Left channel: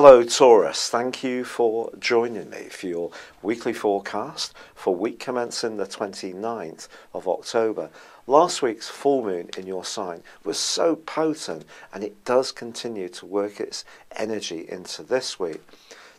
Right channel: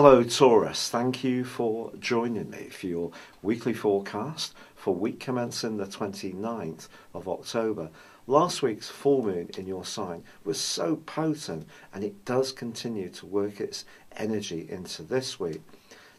Hello Taurus, thank you for joining me for your weekly forecast for week commencing the 29th of October. Last week's full moon in your sign was so potent, and it does continue to work its energy into this week.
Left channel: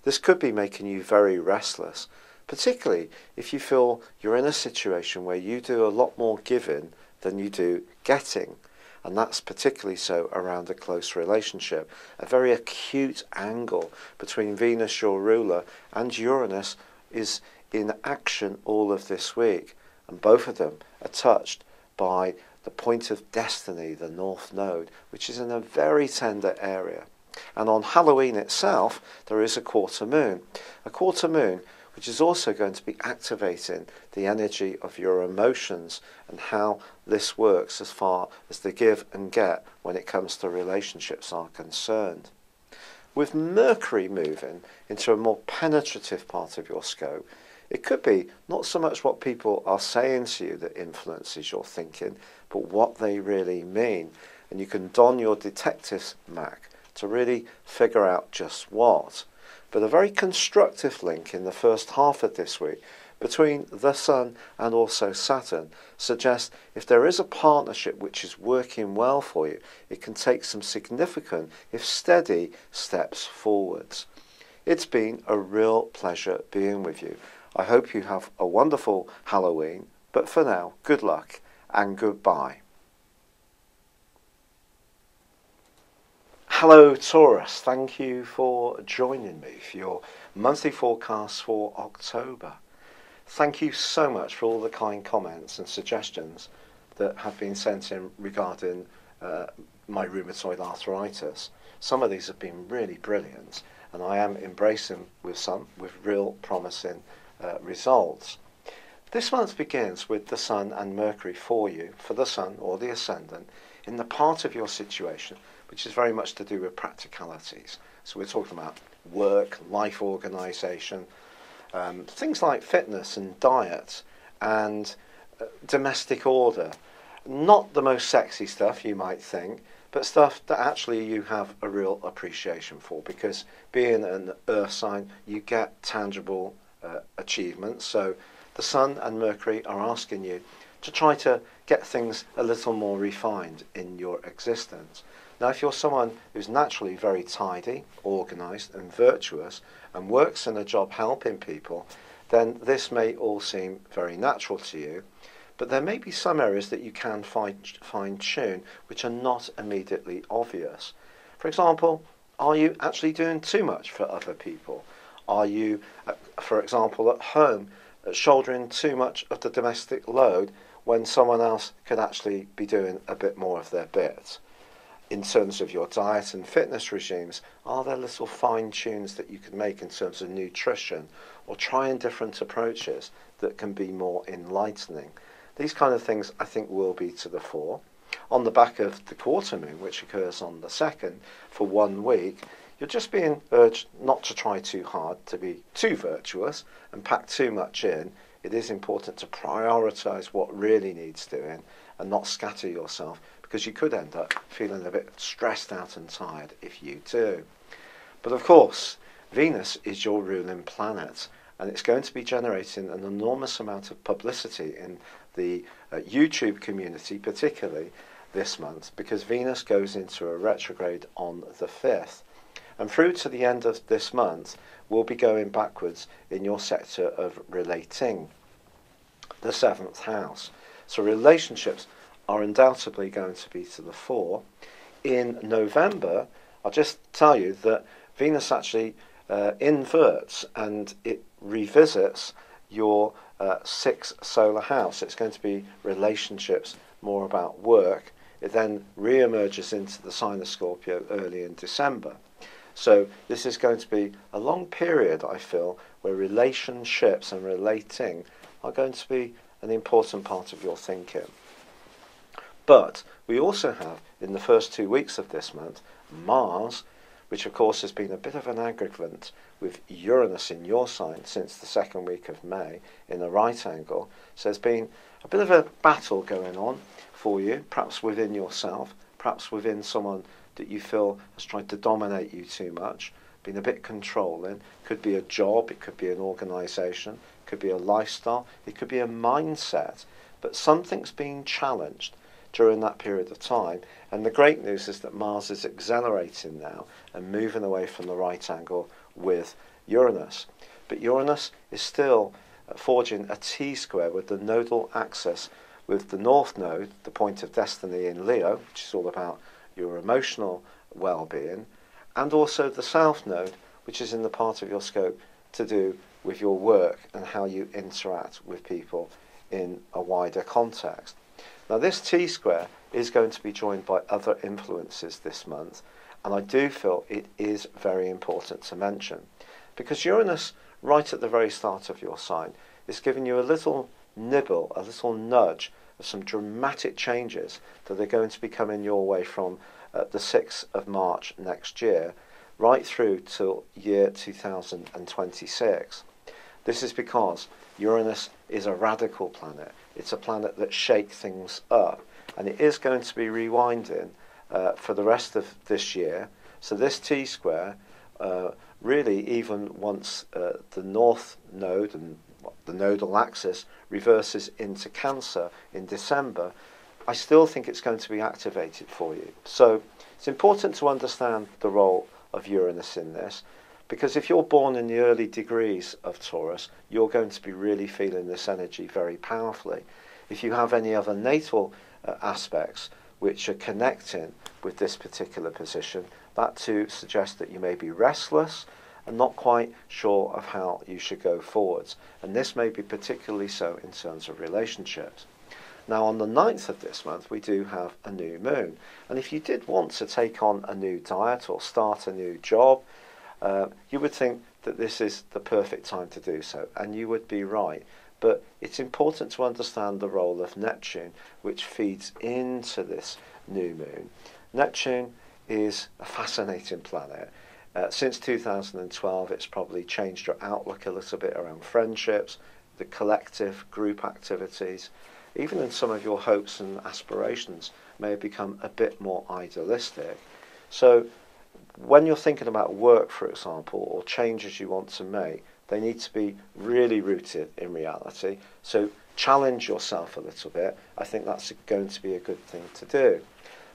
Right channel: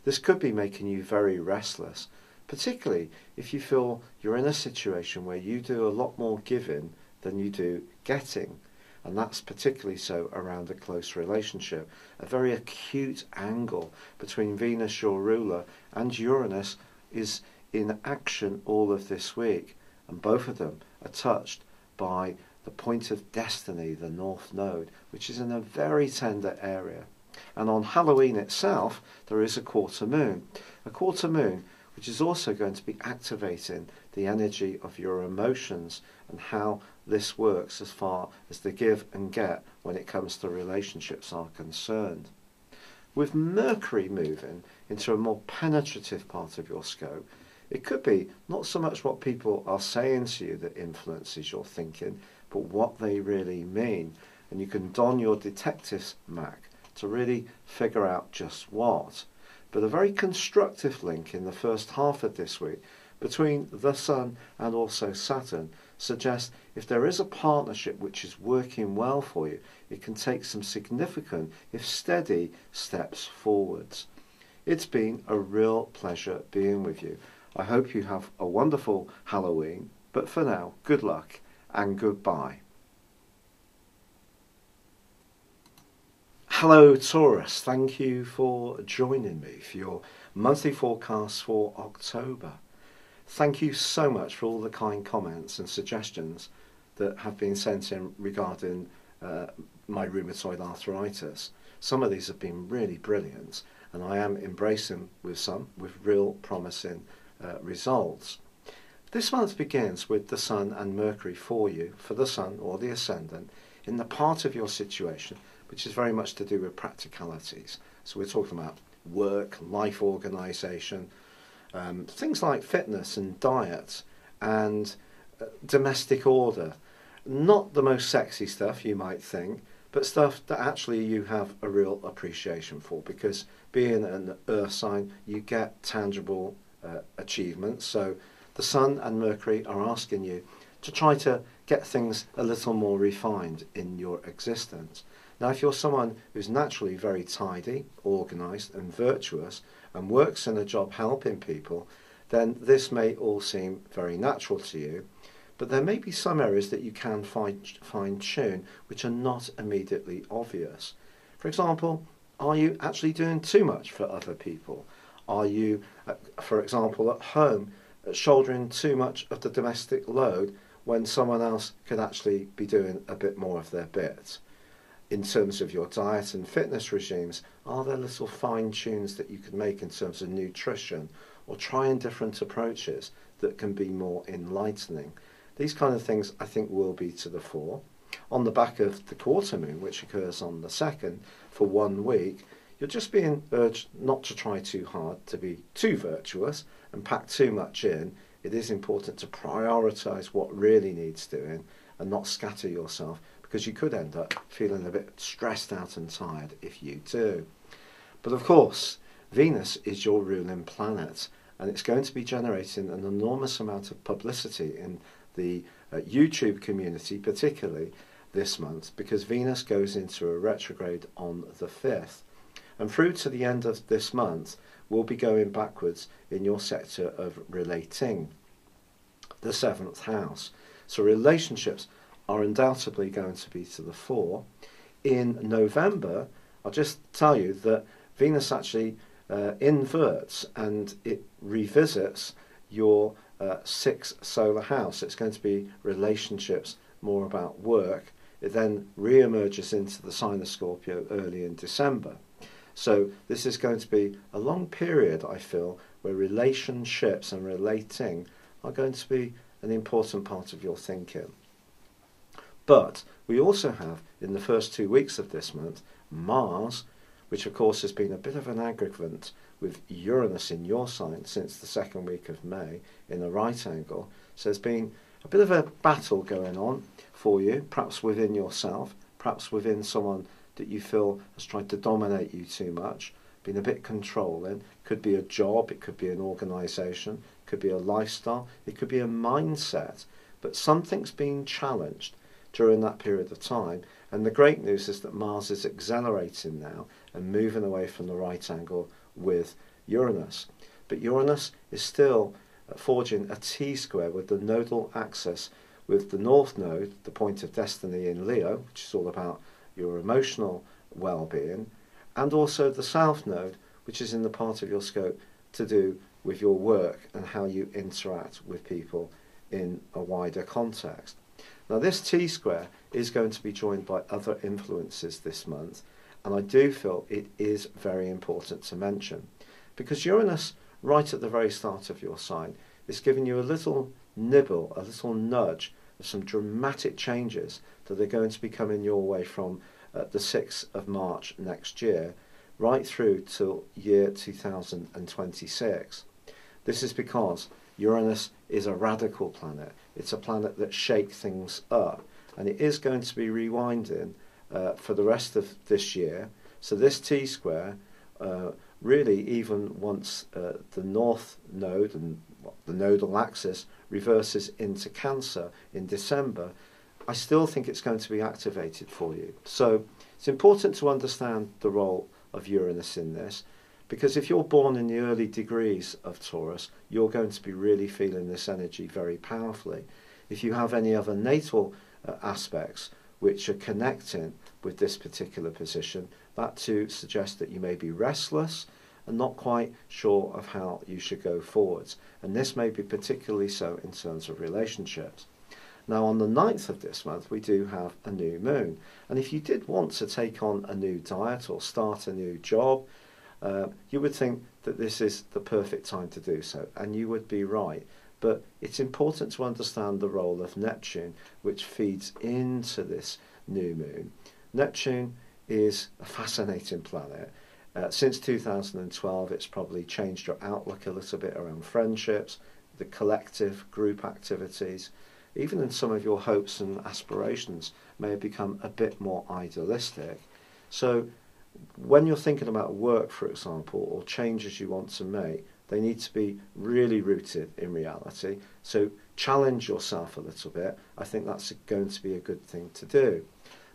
This could be making you very restless, particularly if you feel you're in a situation where you do a lot more giving than you do getting. And that's particularly so around a close relationship. A very acute angle between Venus, your ruler, and Uranus is in action all of this week. And both of them are touched by the point of destiny, the North Node, which is in a very tender area. And on Halloween itself, there is a quarter moon. A quarter moon which is also going to be activating the energy of your emotions and how this works as far as the give and get when it comes to relationships are concerned. With Mercury moving into a more penetrative part of your scope, it could be not so much what people are saying to you that influences your thinking, but what they really mean. And you can don your detective's mac to really figure out just what. But a very constructive link in the first half of this week between the Sun and also Saturn suggests if there is a partnership which is working well for you, it can take some significant, if steady, steps forwards. It's been a real pleasure being with you. I hope you have a wonderful Halloween, but for now, good luck and goodbye. Hello Taurus, thank you for joining me for your monthly forecast for October. Thank you so much for all the kind comments and suggestions that have been sent in regarding my rheumatoid arthritis. Some of these have been really brilliant, and I am embracing with some with real promising results. This month begins with the Sun and Mercury for you, for the Sun or the Ascendant, in the part of your situation which is very much to do with practicalities. So we're talking about work, life organisation, things like fitness and diet and domestic order. Not the most sexy stuff you might think, but stuff that actually you have a real appreciation for, because being an earth sign, you get tangible achievements. So the Sun and Mercury are asking you to try to get things a little more refined in your existence. Now, if you're someone who's naturally very tidy, organised and virtuous and works in a job helping people, then this may all seem very natural to you. But there may be some areas that you can fine-tune which are not immediately obvious. For example, are you actually doing too much for other people? Are you, for example, at home shouldering too much of the domestic load when someone else could actually be doing a bit more of their bit? In terms of your diet and fitness regimes, are there little fine-tunes that you can make in terms of nutrition, or trying different approaches that can be more enlightening? These kind of things I think will be to the fore. On the back of the quarter moon, which occurs on the 2nd for 1 week, you're just being urged not to try too hard to be too virtuous and pack too much in. It is important to prioritise what really needs doing and not scatter yourself, because you could end up feeling a bit stressed out and tired if you do. But of course, Venus is your ruling planet, and it's going to be generating an enormous amount of publicity in the YouTube community, particularly this month, because Venus goes into a retrograde on the 5th. And through to the end of this month, we'll be going backwards in your sector of relating, the 7th house. So relationships are undoubtedly going to be to the fore. In November, I'll just tell you that Venus actually inverts and it revisits your 6th solar house. It's going to be relationships, more about work. It then re-emerges into the sign of Scorpio early in December. So this is going to be a long period, I feel, where relationships and relating are going to be an important part of your thinking. But we also have, in the first 2 weeks of this month, Mars, which of course has been a bit of an aggravant with Uranus in your sign since the 2nd week of May in a right angle. So there's been a bit of a battle going on for you, perhaps within yourself, perhaps within someone that you feel has tried to dominate you too much. been a bit controlling. Could be a job, it could be an organisation, it could be a lifestyle, it could be a mindset. But something's been challenged during that period of time. And the great news is that Mars is accelerating now and moving away from the right angle with Uranus. But Uranus is still forging a T-square with the nodal axis with the North Node, the point of destiny in Leo, which is all about your emotional well-being, and also the South Node, which is in the part of your scope to do with your work and how you interact with people in a wider context. Now, this T-square is going to be joined by other influences this month, and I do feel it is very important to mention, because Uranus, right at the very start of your sign, is giving you a little nibble, a little nudge of some dramatic changes that are going to be coming your way from the 6th of March next year, right through till year 2026. This is because Uranus is a radical planet. It's a planet that shakes things up, and it is going to be rewinding for the rest of this year. So this T-square, really, even once the North Node and the nodal axis reverses into Cancer in December, I still think it's going to be activated for you. So it's important to understand the role of Uranus in this, because if you're born in the early degrees of Taurus, you're going to be really feeling this energy very powerfully. If you have any other natal aspects which are connecting with this particular position, that too suggests that you may be restless and not quite sure of how you should go forwards. And this may be particularly so in terms of relationships. Now, on the 9th of this month, we do have a new moon. And if you did want to take on a new diet or start a new job, you would think that this is the perfect time to do so. And you would be right. But it's important to understand the role of Neptune, which feeds into this new moon. Neptune is a fascinating planet. Since 2012, it's probably changed your outlook a little bit around friendships, the collective group activities. Even in some of your hopes and aspirations may have become a bit more idealistic. So when you're thinking about work, for example, or changes you want to make, they need to be really rooted in reality. So challenge yourself a little bit. I think that's going to be a good thing to do.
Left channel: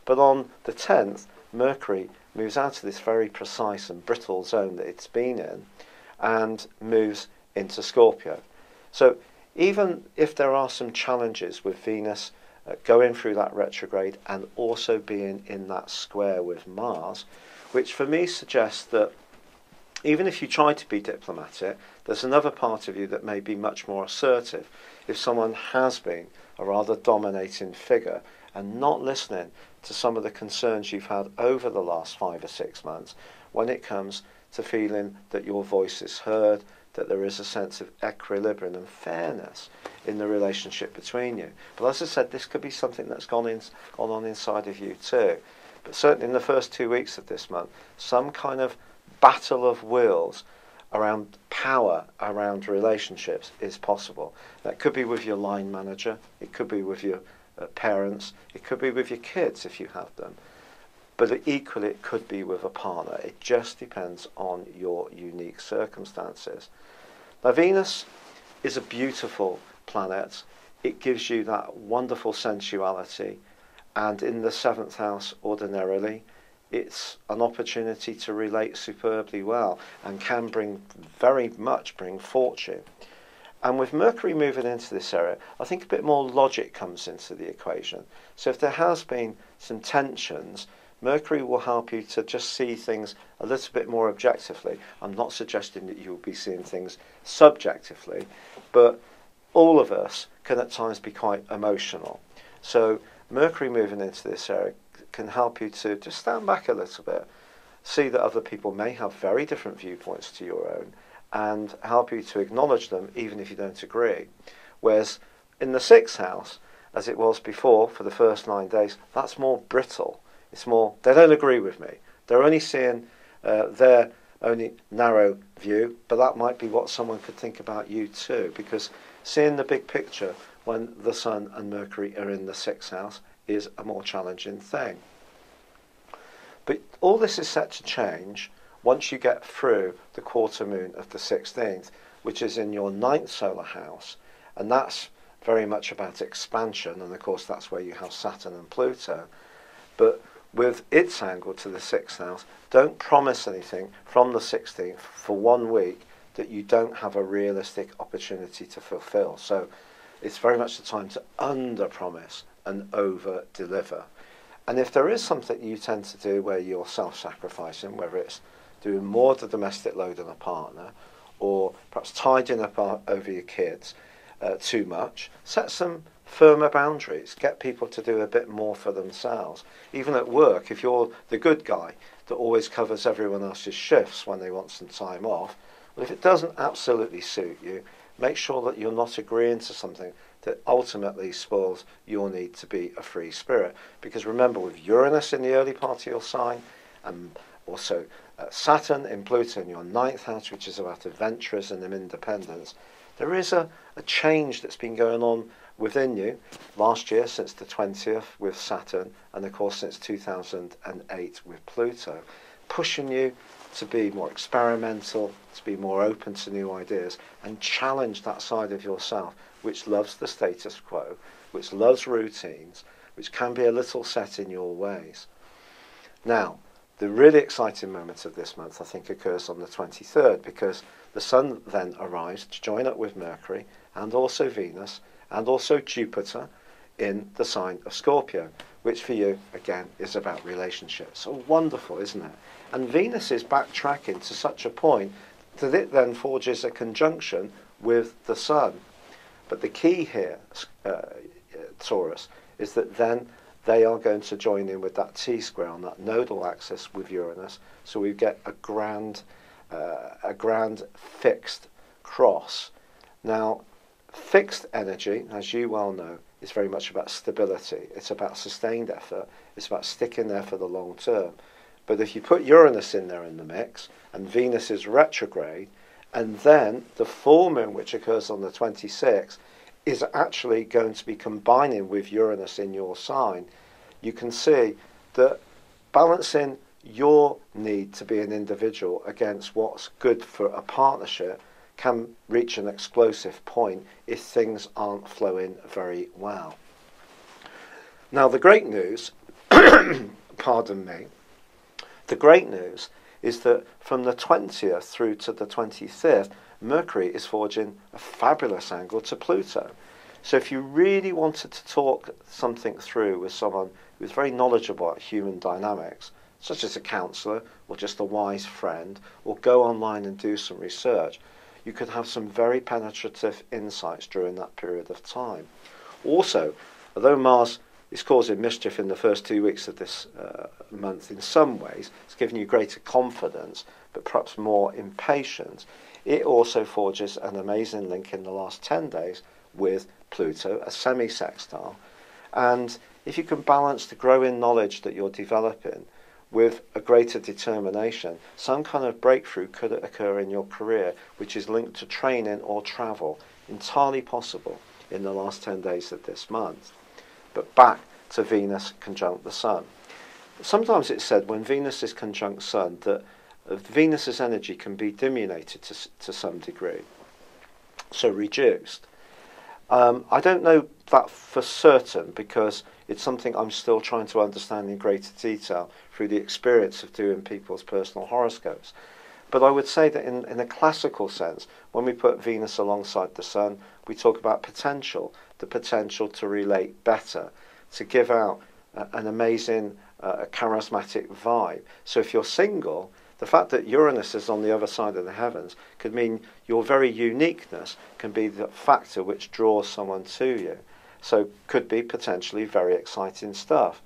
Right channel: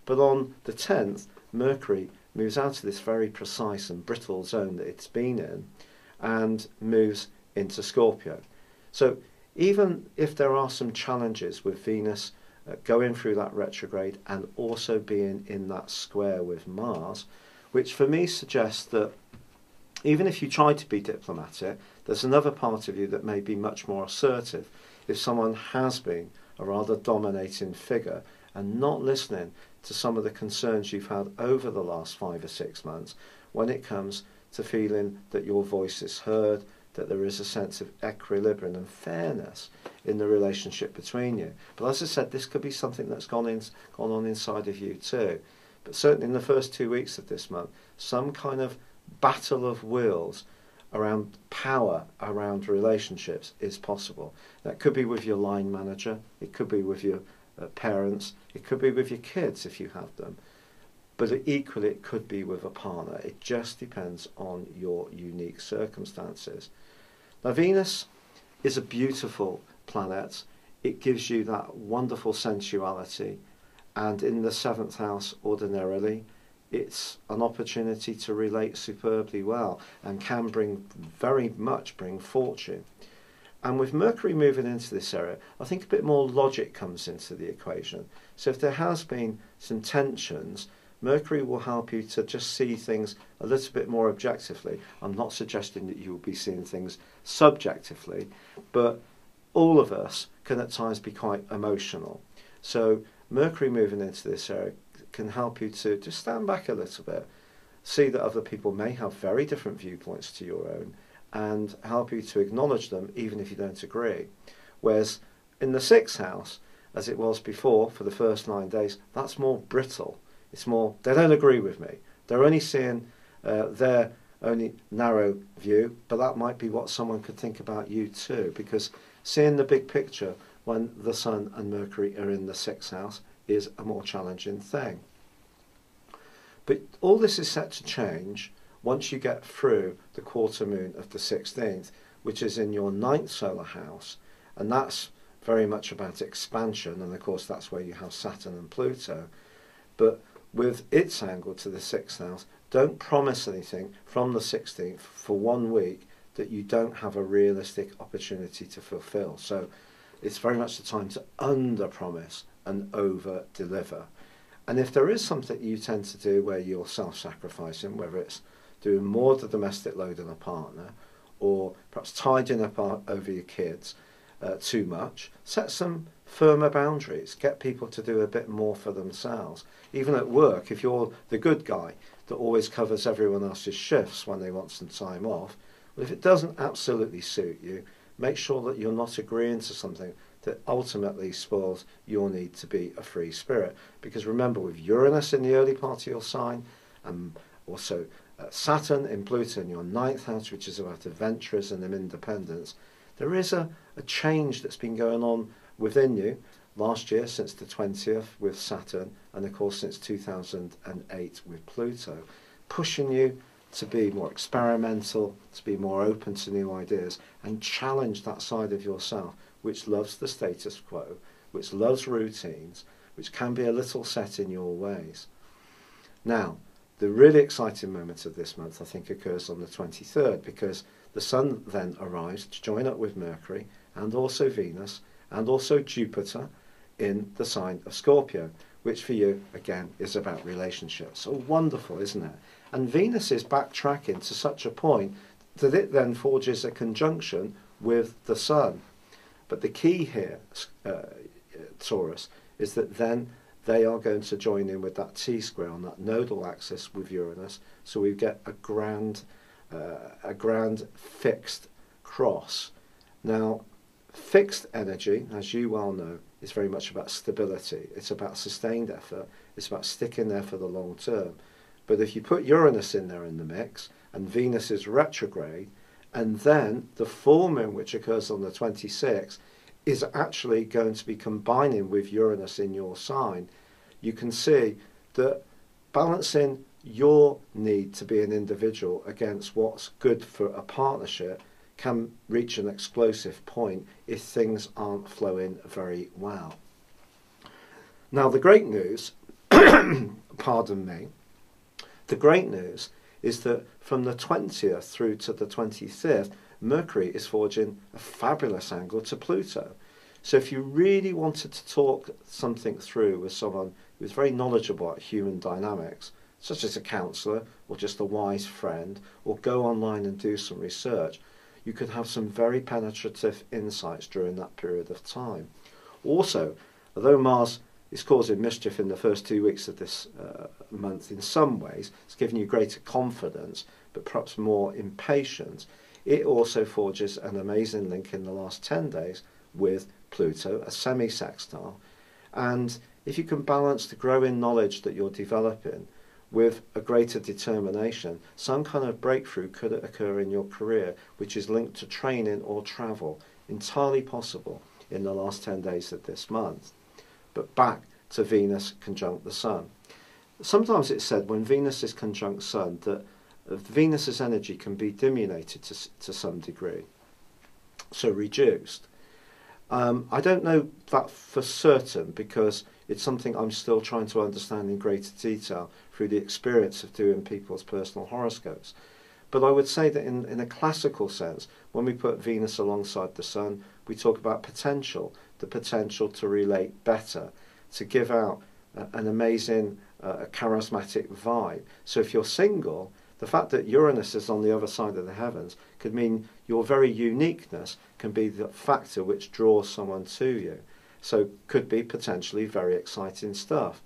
But on the 10th, Mercury moves out of this very precise and brittle zone that it's been in and moves into Scorpio. So even if there are some challenges with Venus going through that retrograde and also being in that square with Mars, which for me suggests that even if you try to be diplomatic, there's another part of you that may be much more assertive. If someone has been a rather dominating figure and not listening to some of the concerns you've had over the last 5 or 6 months, when it comes to feeling that your voice is heard, that there is a sense of equilibrium and fairness in the relationship between you. But as I said, this could be something that's gone on inside of you too. But certainly in the first 2 weeks of this month, some kind of battle of wills around power, around relationships is possible. That could be with your line manager, it could be with your parents, it could be with your kids if you have them. But equally it could be with a partner. It just depends on your unique circumstances. Now, Venus is a beautiful planet. It gives you that wonderful sensuality. And in the 7th house, ordinarily, it's an opportunity to relate superbly well and can very much bring fortune. And with Mercury moving into this area, I think a bit more logic comes into the equation. So if there has been some tensions, Mercury will help you to just see things a little bit more objectively. I'm not suggesting that you'll be seeing things subjectively, but all of us can at times be quite emotional. So Mercury moving into this area can help you to just stand back a little bit, see that other people may have very different viewpoints to your own, and help you to acknowledge them even if you don't agree. Whereas in the 6th house, as it was before for the first 9 days, that's more brittle. It's more, they don't agree with me. They're only seeing their only narrow view, but that might be what someone could think about you too, because seeing the big picture when the Sun and Mercury are in the 6th house is a more challenging thing. But all this is set to change once you get through the quarter moon of the 16th, which is in your 9th solar house, and that's very much about expansion, and of course that's where you have Saturn and Pluto. But with its angle to the 6th house, don't promise anything from the 16th for 1 week that you don't have a realistic opportunity to fulfill. So it's very much the time to under-promise and over-deliver. And if there is something you tend to do where you're self-sacrificing, whether it's doing more of the domestic load on a partner, or perhaps tidying up over your kids too much, set some firmer boundaries. Get people to do a bit more for themselves. Even at work, if you're the good guy that always covers everyone else's shifts when they want some time off, well, if it doesn't absolutely suit you, make sure that you're not agreeing to something that ultimately spoils your need to be a free spirit. Because remember, with Uranus in the early part of your sign, and also Saturn in Pluto in your 9th house, which is about adventurism and independence, there is a change that's been going on within you last year since the 20th with Saturn, and of course since 2008 with Pluto, pushing you to be more experimental, to be more open to new ideas, and challenge that side of yourself which loves the status quo, which loves routines, which can be a little set in your ways. Now, the really exciting moment of this month, I think, occurs on the 23rd, because the Sun then arrives to join up with Mercury, and also Venus, and also Jupiter in the sign of Scorpio, which for you, again, is about relationships. So wonderful, isn't it? And Venus is backtracking to such a point that it then forges a conjunction with the Sun. But the key here, Taurus, is that then they are going to join in with that T-square on that nodal axis with Uranus, so we get a grand fixed cross. Now, fixed energy, as you well know, is very much about stability. It's about sustained effort. It's about sticking there for the long term. But if you put Uranus in there in the mix, and Venus is retrograde, and then the full moon, which occurs on the 26th, is actually going to be combining with Uranus in your sign, you can see that balancing your need to be an individual against what's good for a partnership can reach an explosive point if things aren't flowing very well. Now, the great news, pardon me, the great news is that from the 20th through to the 25th, Mercury is forging a fabulous angle to Pluto. So if you really wanted to talk something through with someone who's very knowledgeable about human dynamics, such as a counsellor or just a wise friend, or go online and do some research, you could have some very penetrative insights during that period of time. Also, although Mars is causing mischief in the first 2 weeks of this month in some ways, it's giving you greater confidence, but perhaps more impatience, it also forges an amazing link in the last 10 days with Pluto, a semi-sextile. And if you can balance the growing knowledge that you're developing with a greater determination, some kind of breakthrough could occur in your career, which is linked to training or travel, entirely possible in the last 10 days of this month. But back to Venus conjunct the Sun. Sometimes it's said when Venus is conjunct Sun that Venus's energy can be diminuted to some degree, so reduced. I don't know that for certain, because it's something I'm still trying to understand in greater detail through the experience of doing people's personal horoscopes. But I would say that in a classical sense, when we put Venus alongside the Sun, we talk about potential, the potential to relate better, to give out an amazing, charismatic vibe. So if you're single, the fact that Uranus is on the other side of the heavens could mean your very uniqueness can be the factor which draws someone to you. So could be potentially very exciting stuff.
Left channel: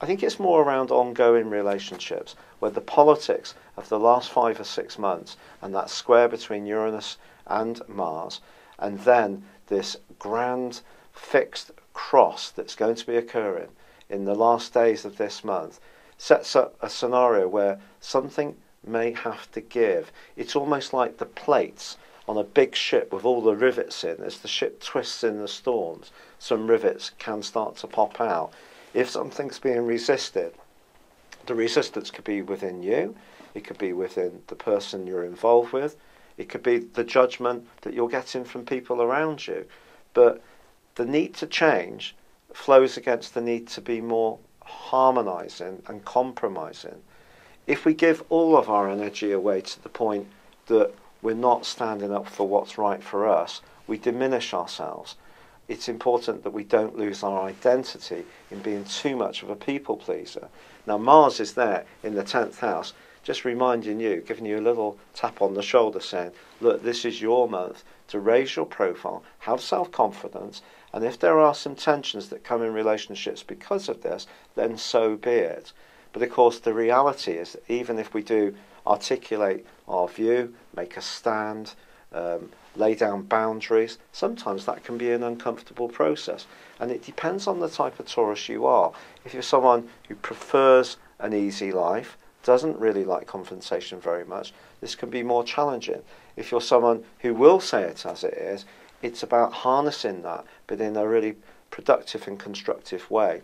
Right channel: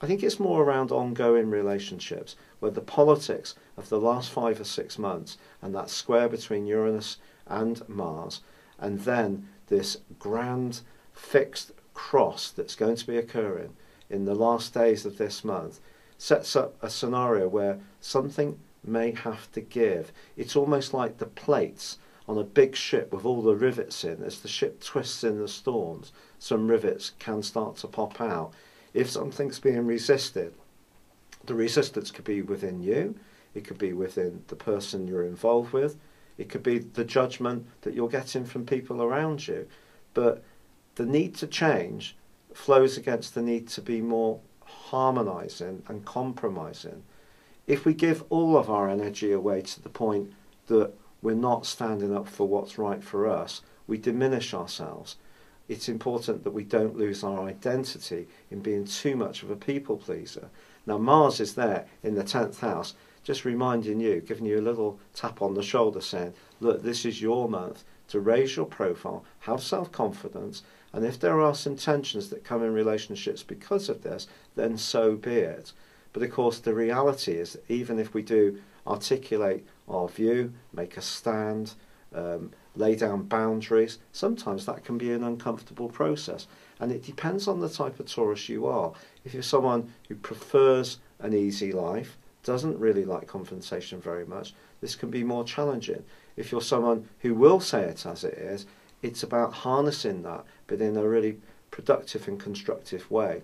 I think it's more around ongoing relationships, where the politics of the last 5 or 6 months and that square between Uranus and Mars, and then this grand fixed cross that's going to be occurring in the last days of this month, sets up a scenario where something may have to give. It's almost like the plates on a big ship with all the rivets in. As the ship twists in the storms, some rivets can start to pop out. If something's being resisted, the resistance could be within you, It could be within the person you're involved with. It could be the judgment that you're getting from people around you. But the need to change flows against the need to be more harmonising and compromising. If we give all of our energy away to the point that we're not standing up for what's right for us, we diminish ourselves. It's important that we don't lose our identity in being too much of a people pleaser. Now, Mars is there in the 10th house, just reminding you, giving you a little tap on the shoulder saying, look, this is your month to raise your profile, have self-confidence, and if there are some tensions that come in relationships because of this, then so be it. But of course, the reality is that even if we do articulate our view, make a stand, lay down boundaries, sometimes that can be an uncomfortable process. And it depends on the type of Taurus you are. If you're someone who prefers an easy life, doesn't really like confrontation very much, this can be more challenging. If you're someone who will say it as it is, it's about harnessing that, but in a really productive and constructive way.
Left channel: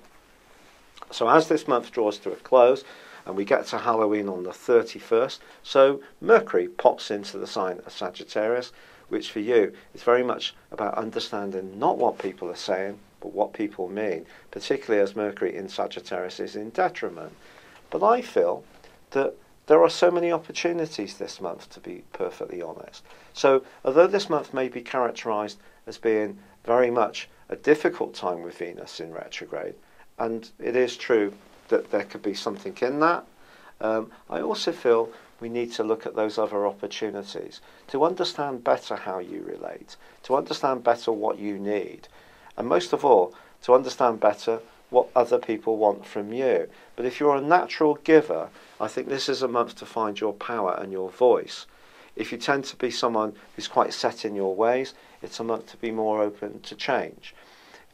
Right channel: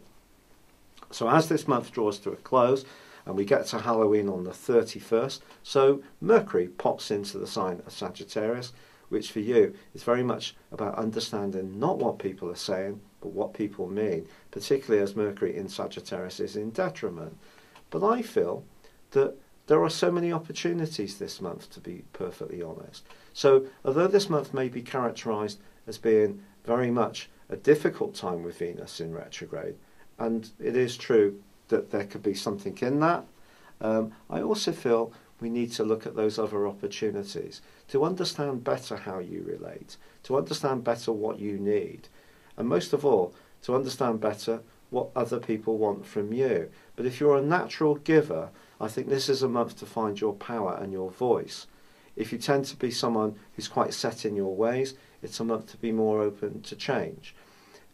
So as this month draws to a close, and we get to Halloween on the 31st, so Mercury pops into the sign of Sagittarius, which for you is very much about understanding not what people are saying, but what people mean, particularly as Mercury in Sagittarius is in detriment. But I feel that there are so many opportunities this month, to be perfectly honest. So although this month may be characterised as being very much a difficult time with Venus in retrograde, and it is true that there could be something in that, I also feel we need to look at those other opportunities to understand better how you relate, to understand better what you need, and most of all, to understand better what other people want from you. But if you're a natural giver, I think this is a month to find your power and your voice. If you tend to be someone who's quite set in your ways, it's a month to be more open to change.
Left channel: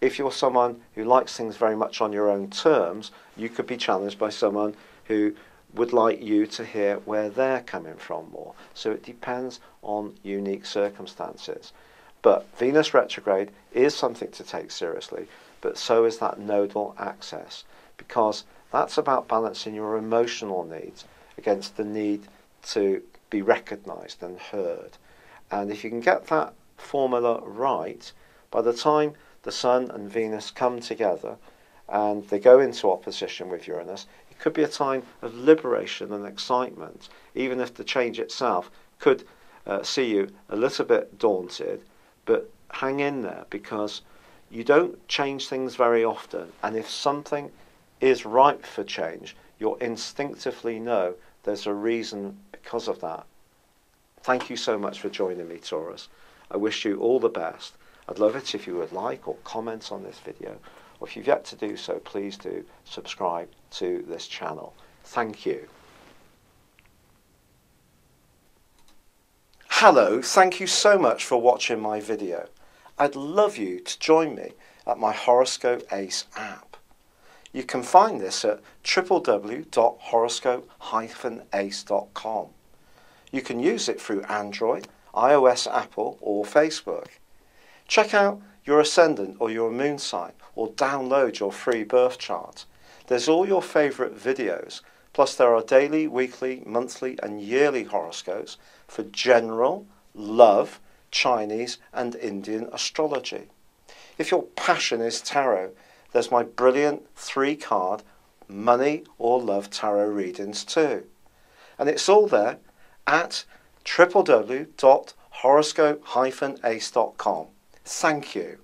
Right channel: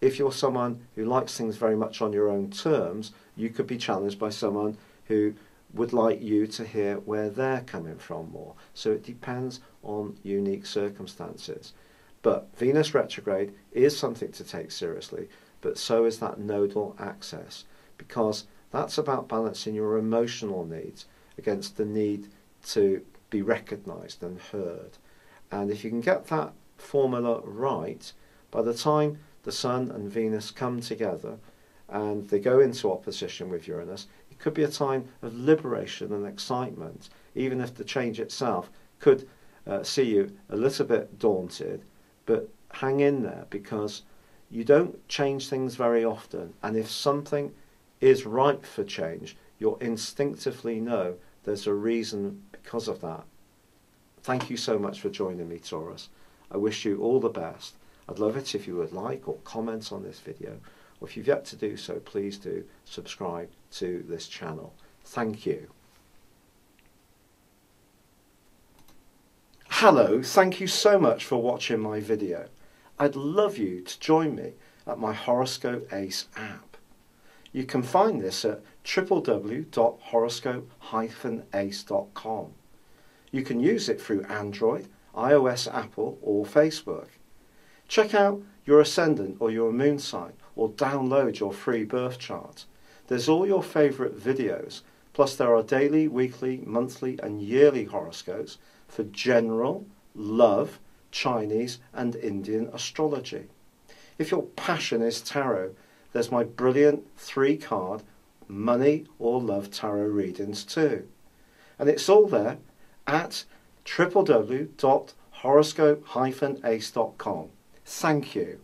If you're someone who likes things very much on your own terms, you could be challenged by someone who would like you to hear where they're coming from more. So it depends on unique circumstances. But Venus retrograde is something to take seriously, but so is that nodal axis, because that's about balancing your emotional needs against the need to be recognised and heard. And if you can get that formula right, by the time the Sun and Venus come together and they go into opposition with Uranus, it could be a time of liberation and excitement, even if the change itself could see you a little bit daunted. But hang in there, because you don't change things very often, and if something is ripe for change, you'll instinctively know there's a reason because of that. Thank you so much for joining me, Taurus. I wish you all the best. I'd love it if you would like or comment on this video, or if you've yet to do so, please do subscribe to this channel. Thank you. Hello, thank you so much for watching my video. I'd love you to join me at my Horoscope Ace app. You can find this at www.horoscope-ace.com. You can use it through Android, iOS, Apple or Facebook. Check out your ascendant or your moon sign, or download your free birth chart. There's all your favourite videos, plus there are daily, weekly, monthly and yearly horoscopes for general, love, Chinese and Indian astrology. If your passion is tarot, there's my brilliant 3-card money or love tarot readings too. And it's all there at www.horoscope-ace.com. Thank you.